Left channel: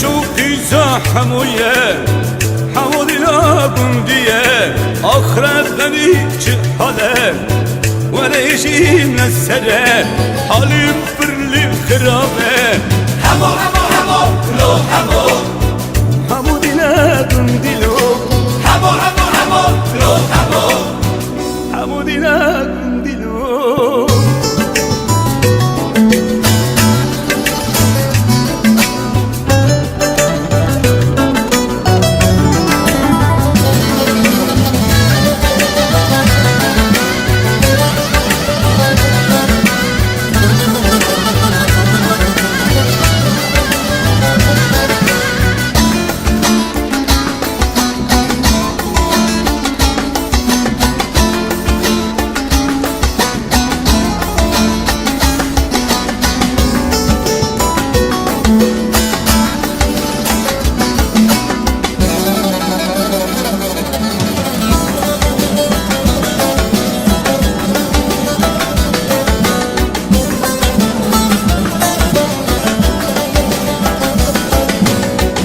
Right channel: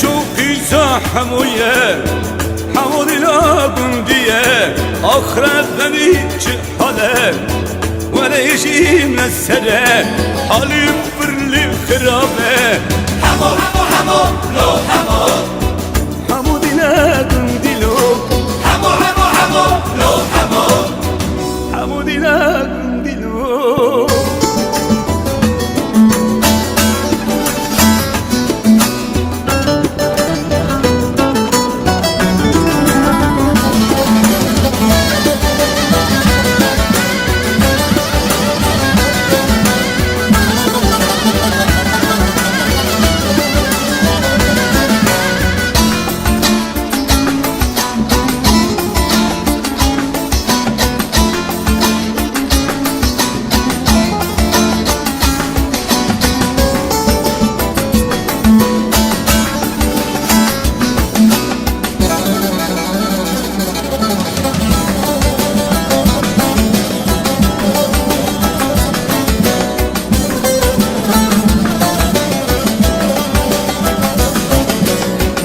شوقي زحموية حمودنا قندية آخرت بني جحالة ولا يجي من السرة حالي برلي خرابة همو همو همو لو همو حمودنا قنديلو همو همو همو لو همو حمودنا قنديلو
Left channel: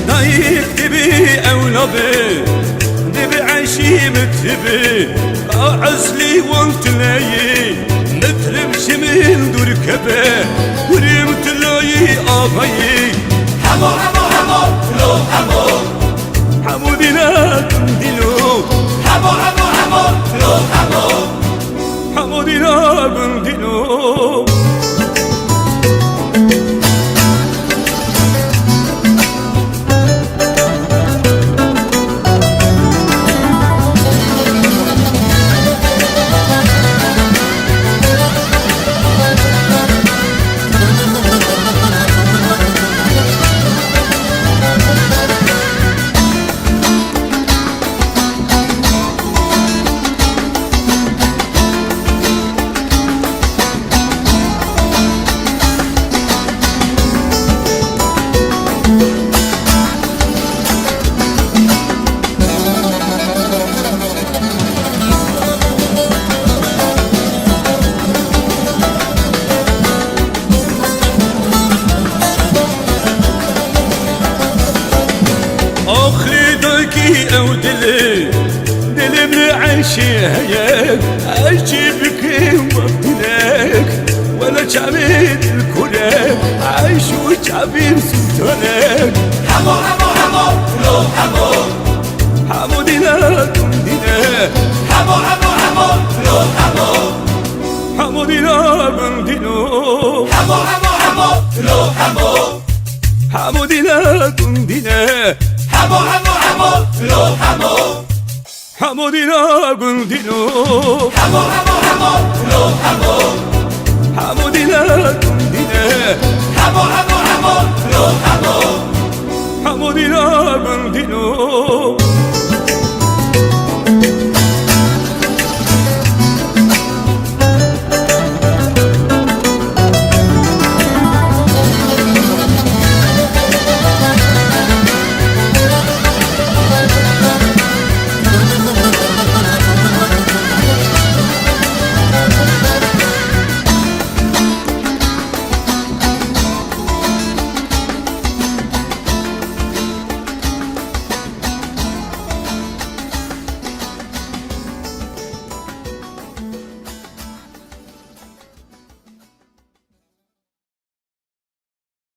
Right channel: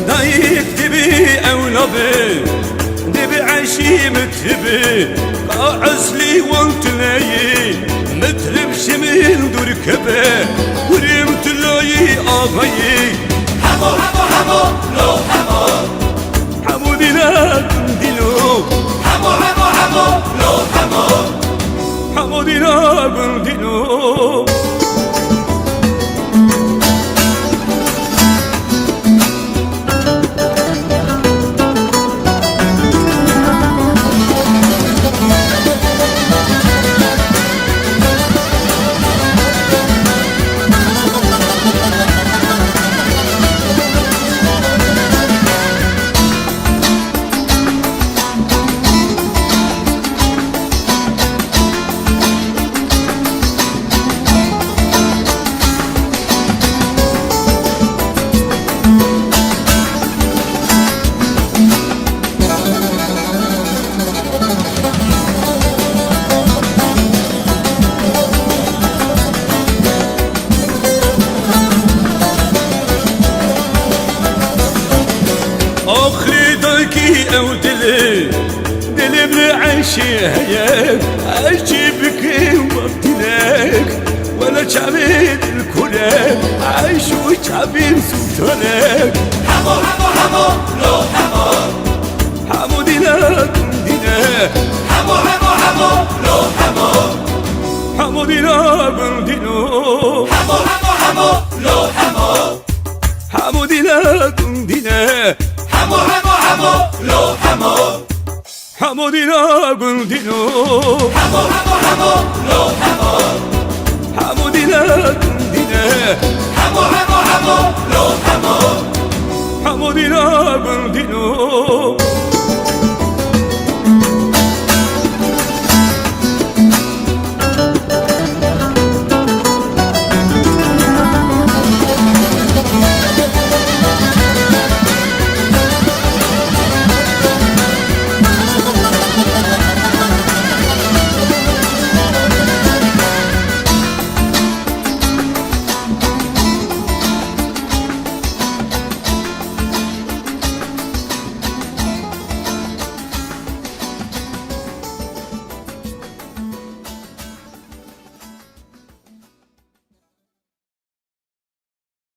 دايك دبي أولابي دبي عشي متبي قاعزلي وانت لاي مترب شميل دركبه وريمت لاي آغاي همو همو همو لو همو حمودنا قنديلو همو همو همو لو همو حمودنا قنديلو آخری داکی او دلی من عيشي هيك عيشي بكي وبدلك ولا شعبين الكلك عيش وشعبين سلطانك همو همو همو لو همو حمودنا قندينا همو همو همو لو همو حمودنا قندينو همو همو همو لو همو حمودنا قندينا همو همو همو لو همو حمودنا قندينو همو همو همو لو همو حمودنا